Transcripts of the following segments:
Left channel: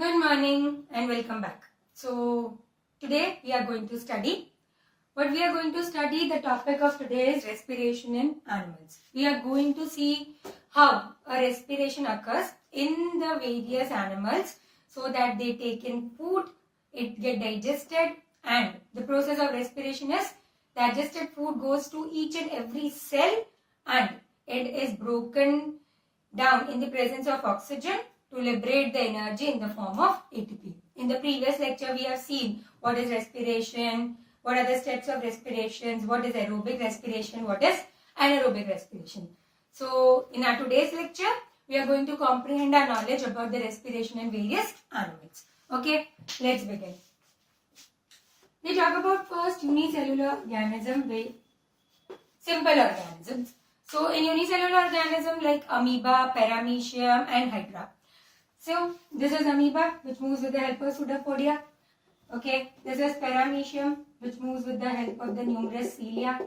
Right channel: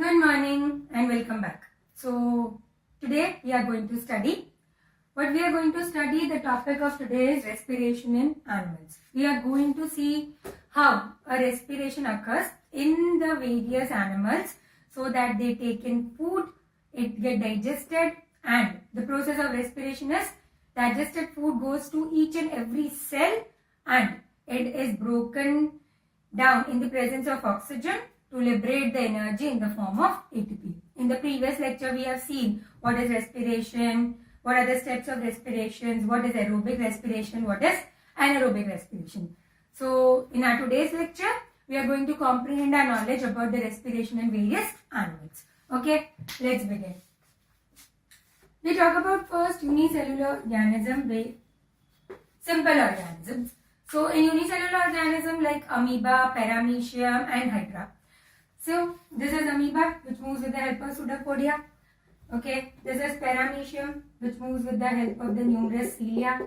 Good morning and welcome back. So today we are going to study. The topic of today is respiration in animals. We are going to see how a respiration occurs in the various animals so that they take in food, it get digested, and the process of respiration is digested food goes to each and every cell and it is broken down in the presence of oxygen to liberate the energy in the form of ATP. In the previous lecture, we have seen what is respiration, what are the steps of respirations, what is aerobic respiration, what is anaerobic respiration. So, in our today's lecture, we are going to comprehend our knowledge about the respiration in various animals. Okay, let's begin. We talk about first unicellular organism, very simple organisms. So, in unicellular organism like amoeba, paramecium and hydra. So, this is amoeba which moves with the help of pseudopodia. Okay, this is paramecium which moves with the help of the numerous cilia,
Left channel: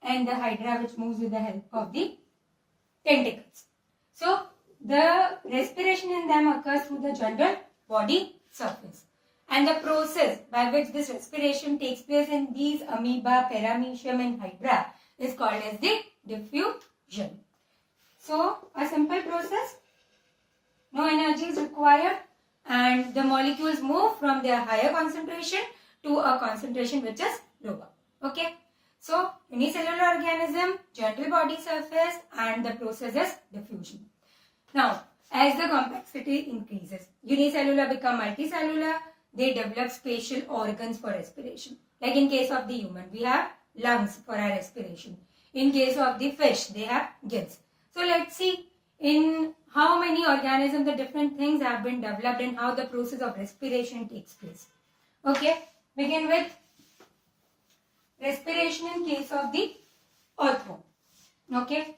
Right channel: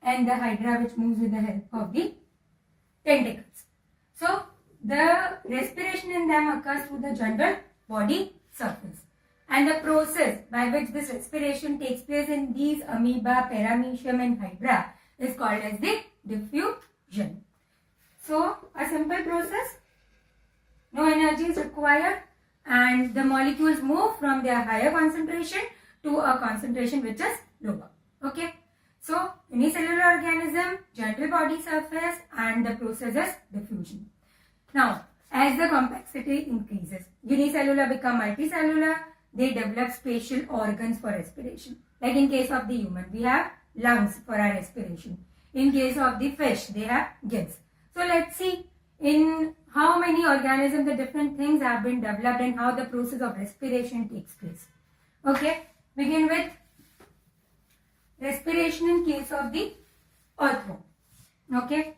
and the hydra which moves with the help of the tentacles. So, the respiration in them occurs through the general body surface. And the process by which this respiration takes place in these amoeba, paramecium and hydra is called as the diffusion. So, a simple process, no energy is required and the molecules move from their higher concentration to a concentration which is lower. Okay. So, unicellular organism, general body surface and the process is diffusion. Now, as the complexity increases, unicellular become multicellular, they develop spatial organs for respiration. Like in case of the human, we have lungs for our respiration. In case of the fish, they have gills. So, let's see in how many organisms the different things have been developed and how the process of respiration takes place. Okay, begin with respiration in case of the earthworm. Okay.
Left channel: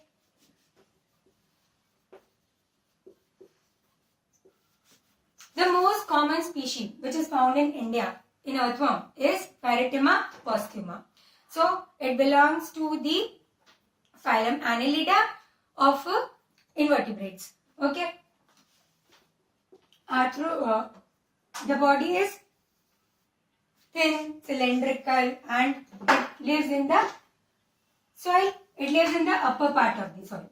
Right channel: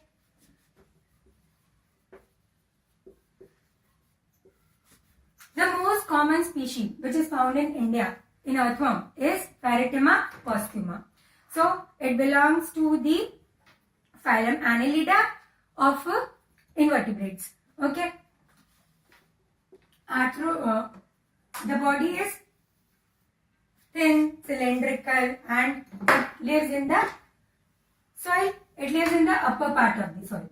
The most common species which is found in India in earthworm is Pheretima posthuma. So, it belongs to the phylum Annelida of invertebrates. Okay. The body is thin, cylindrical and it lives in the soil. It lives in the upper part of the soil.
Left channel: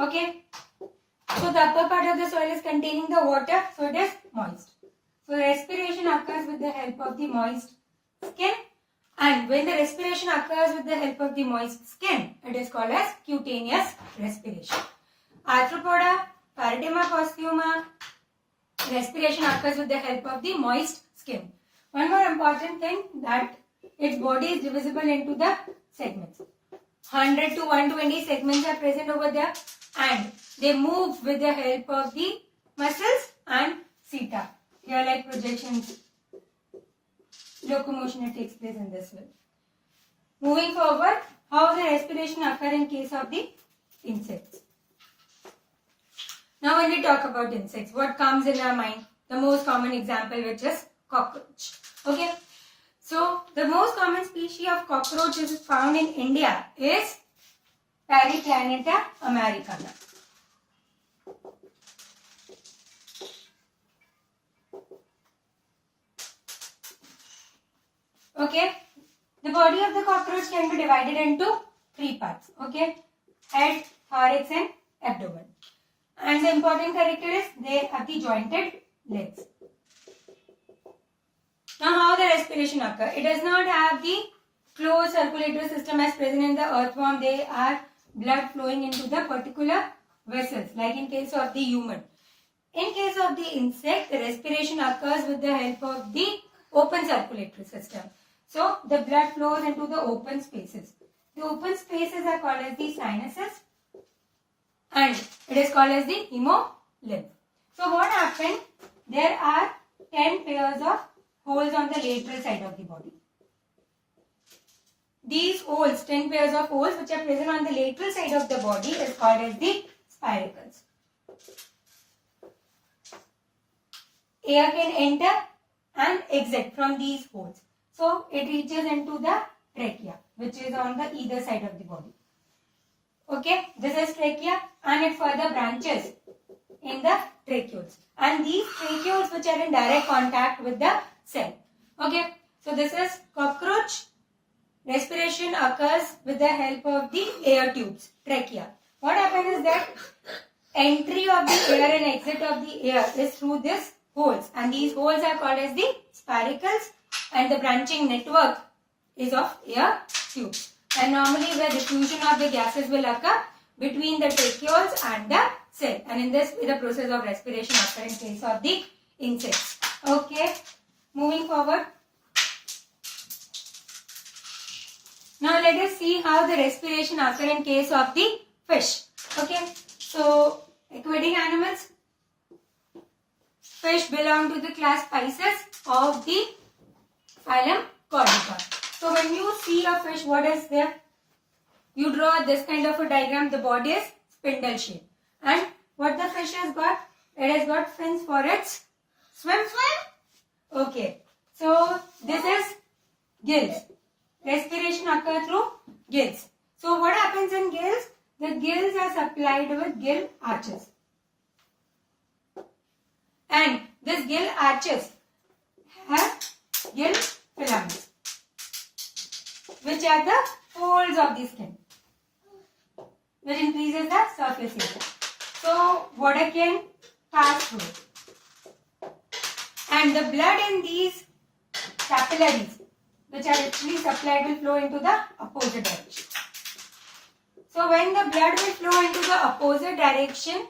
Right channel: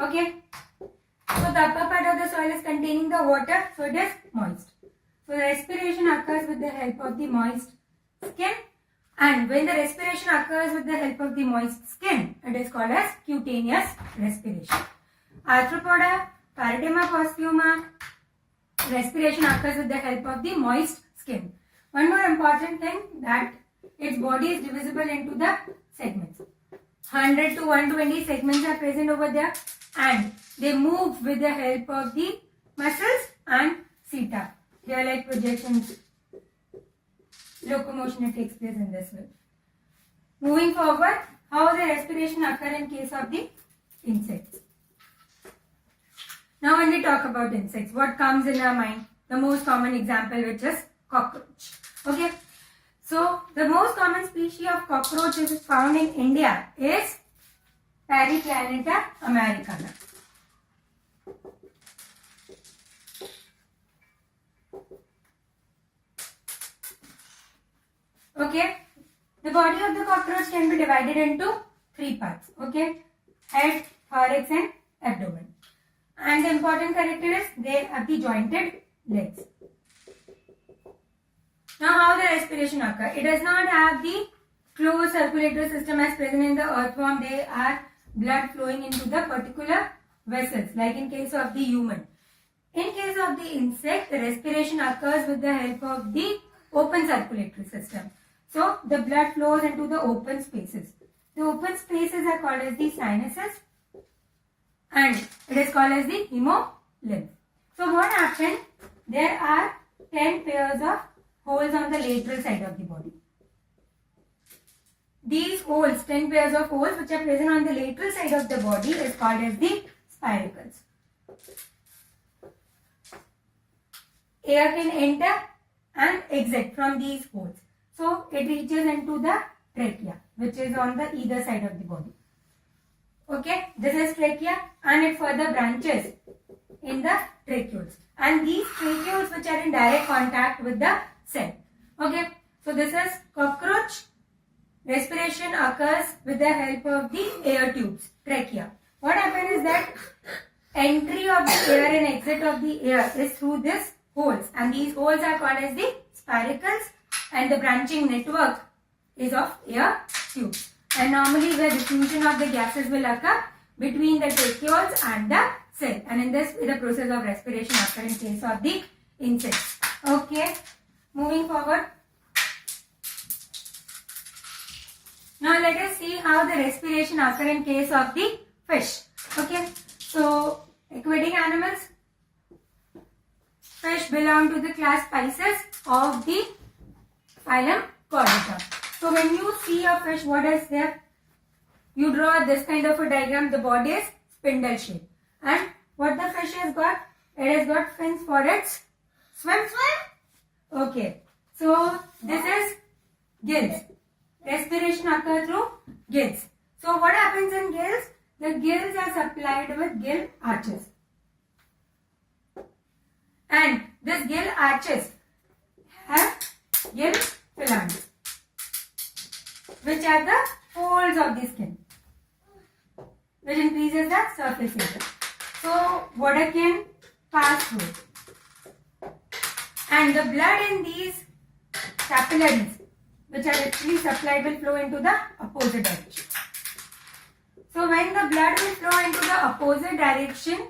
Okay. So, the upper part of the soil is containing the water, so it is moist. So, respiration occurs with the help of the moist skin, and when the respiration occurs with the help of the moist skin, it is called as cutaneous respiration. Arthropoda, Pheretima posthuma, respiration occurs with the help of the moist skin. One more important thing, that its body is divisible into the segments. 100 to 120 segments are present over there and they move with the help of the muscles and seta. They are like projections. Locomotion takes place in this way. Moving forward, how the respiration occurs in case of the insects. Now when we talk about insects, what comes in our mind? The most common example which is cockroach. Okay. So the most common species of cockroach which is found in India is Periplaneta americana. Okay. The body of the cockroach can be divided into three parts. Okay. Head, thorax and abdomen. And the important character is they have the jointed legs. Now how the respiration occurs? It does not have the closed circulatory system as present in the earthworm. They are blood flowing into the particular vessels, like in case of the human. In case of the insect, the respiration occurs with the help of the open circulatory system. So the blood flows into the open spaces. The open spaces are called as the sinuses and it is called as the hemolymph. So what happened? There are 10 pairs of holes on the lateral side of the body. These holes, 10 pairs of holes which are present on the lateral side of the body is called as the spiracles. Air can enter and exit from these holes. So it reaches into the trachea which is on the either side of the body. Okay, this is trachea and it further branches in the tracheoles. And these tracheoles which are in direct contact with the cell. Okay, so this is cockroach. Respiration occurs with the help of the air tubes, trachea. What happens is that entry of the air and exit of the air is through these holes, and these holes are called as the spiracles, and the branching network is of air tubes. And normally where diffusion of the gases will occur between the tracheoles and the cell, and in this the process of respiration occurs in case of the insects. Okay, moving forward. Now let us see how the respiration occurs in case of the fish. Okay, so aquatic animals. Fish belong to the class Pisces of the phylum Chordata. So when you see a fish, what is there? You draw this kind of a diagram. The body is spindle shape. And what the fish has got? It has got fins for its swim. Okay. So this is gills. Respiration occurs through gills. So what happens in gills? The gills are supplied with gill arches. And this gill arches have gill filaments, which are the folds of the skin, which increases the surface area. So water can pass through. And the blood in these capillaries, which are actually supplied, will flow into the opposite direction. So when the blood will flow into the opposite direction,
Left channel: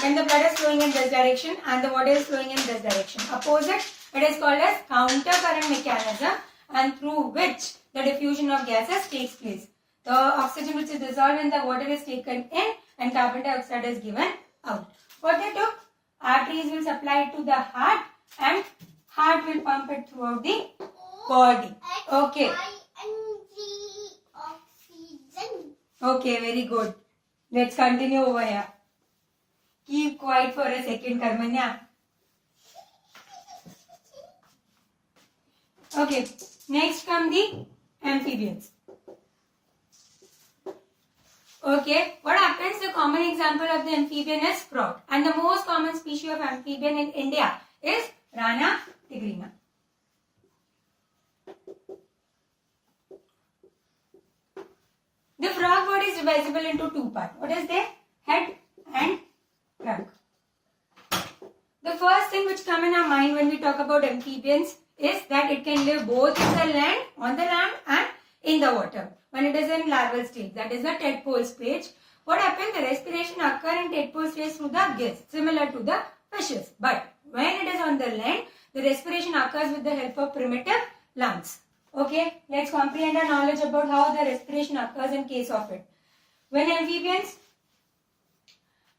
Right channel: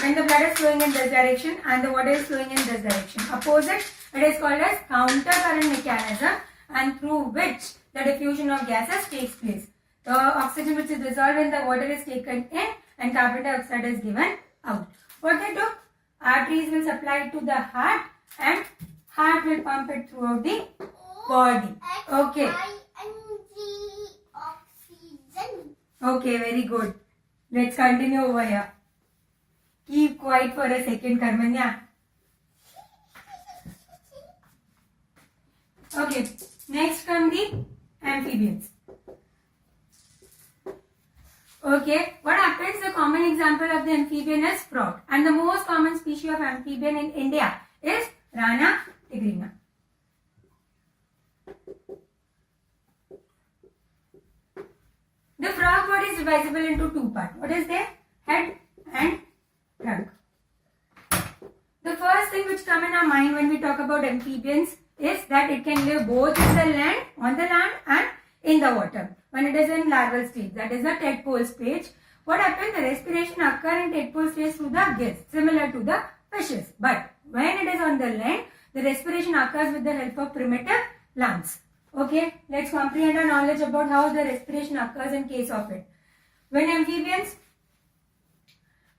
when the blood is flowing in this direction and the water is flowing in this direction, opposite, it is called as counter current mechanism, and through which the diffusion of gases takes place. The oxygen which is dissolved in the water is taken in and carbon dioxide is given out. What they do? Arteries will supply it to the heart and heart will pump it throughout the body. Okay. Okay, very good. Let's continue over here. Keep quiet for a second, Karmanya. Okay, next come the amphibians. Okay, what happens? The common example of the amphibian is frog, and the most common species of amphibian in India is Rana tigrina. The frog body is divisible into two parts. What is there? Head and trunk. The first thing which comes in our mind when we talk about amphibians is that it can live both in the land, on the land, and in the water. When it is in larval stage, that is the tadpole stage, what happens? The respiration occurs in tadpole stage through the gills, similar to the fishes. But when it is on the land, the respiration occurs with the help of primitive lungs. Okay, let's comprehend our knowledge about how the respiration occurs in case of it. When amphibians,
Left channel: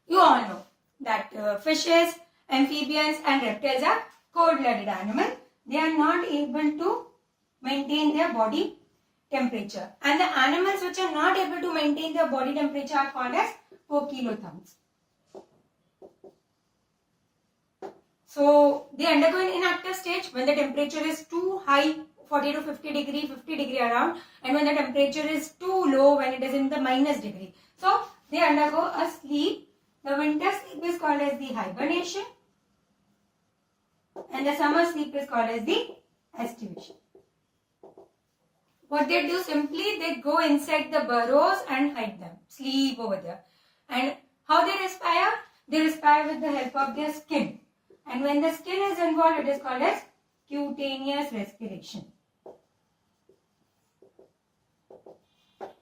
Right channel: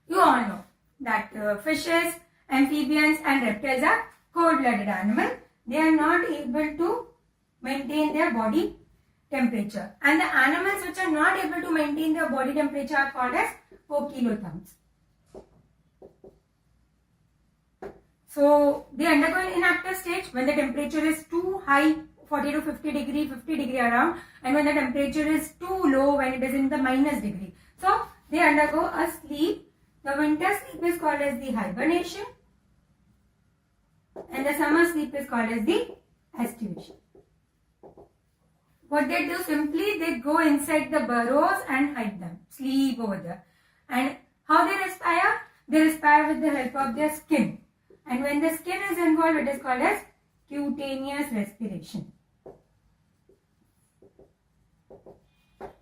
you all know that fishes, amphibians and reptiles are cold-blooded animals. They are not able to maintain their body temperature. And the animals which are not able to maintain their body temperature are called as poikilotherms. So they undergo an inactive stage when the temperature is too high, 40 to 50 degree around, and when the temperature is too low, when it is in the minus degree. So they undergo a sleep. The winter sleep is called as the hibernation, and the summer sleep is called as the estivation. What they do, simply they go inside the burrows and hide them, sleep over there. And how they respire? They respire with the help of their skin. And when the skin is involved, it is called as cutaneous respiration.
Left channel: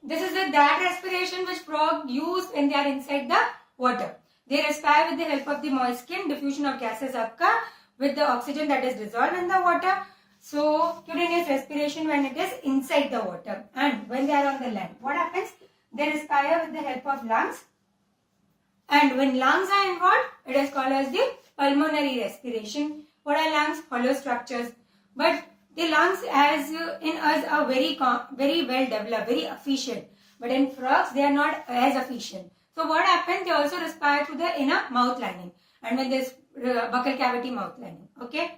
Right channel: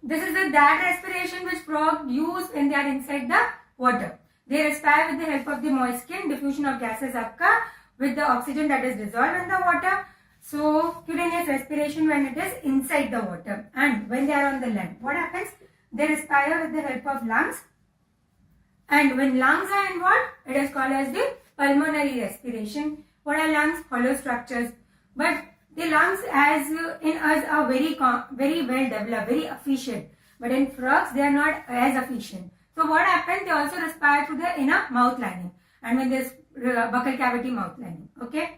This is that respiration which frogs use when they are inside the water. They respire with the help of the moist skin. Diffusion of gases occur with the oxygen that is dissolved in the water. So, cutaneous respiration when it is inside the water. And when they are on the land, what happens? They respire with the help of lungs. And when lungs are involved, it is called as the pulmonary respiration. What are lungs? Hollow structures. But the lungs as in us are very well developed, very efficient. But in frogs, they are not as efficient. So what happens? They also respire through the inner mouth lining. And when there is buccal cavity mouth lining. Okay.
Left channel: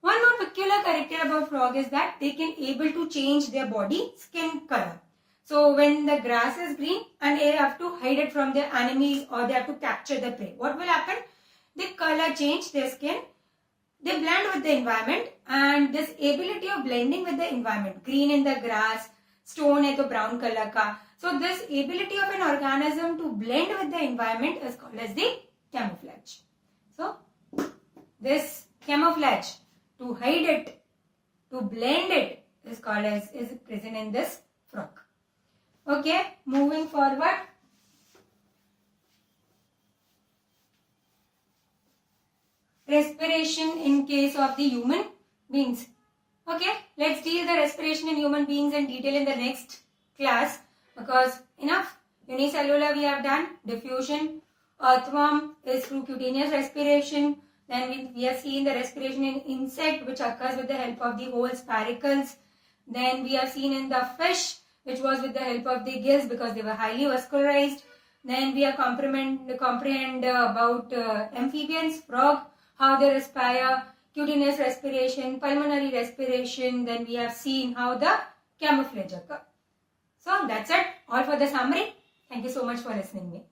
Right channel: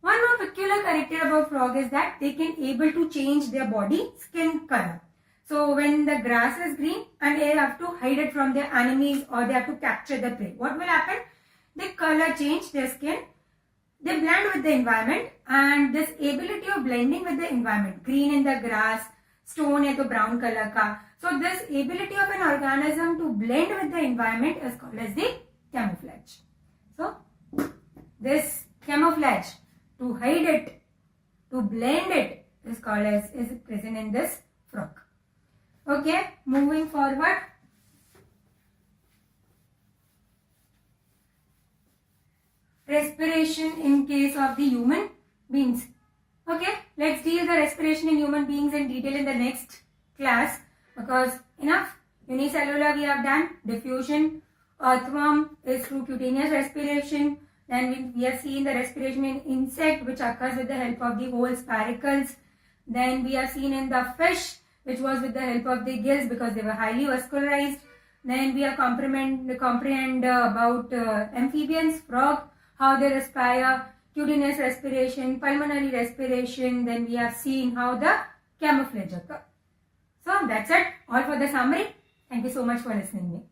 One more peculiar character about frog is that they can able to change their body skin color. So when the grass is green and they have to hide it from their enemies or they have to capture the prey, what will happen? They color change, their skin, they blend with the environment, and this ability of blending with the environment, green in the grass, stone hai to brown color ka. So this ability of an organism to blend with the environment is called as the camouflage. So this camouflage, to hide it, to blend it, is called as, is present in this frog. Okay, moving forward. Respiration in case of the human beings. Okay, let's deal the respiration in human beings in detail in the next class, because enough. Unicellular we have done, diffusion, earthworm is through cutaneous respiration. Then we have seen the respiration in insect, which occurs with the help of the whole spiracles. Then we have seen in the fish, which was with the help of the gills because they were highly vascularized. Then we have comprehend about amphibians, frog, how they respire, cutaneous respiration, pulmonary respiration. Then we have seen how the camouflage occurs. So that's it, all for the summary. Thank you so much for listening to me.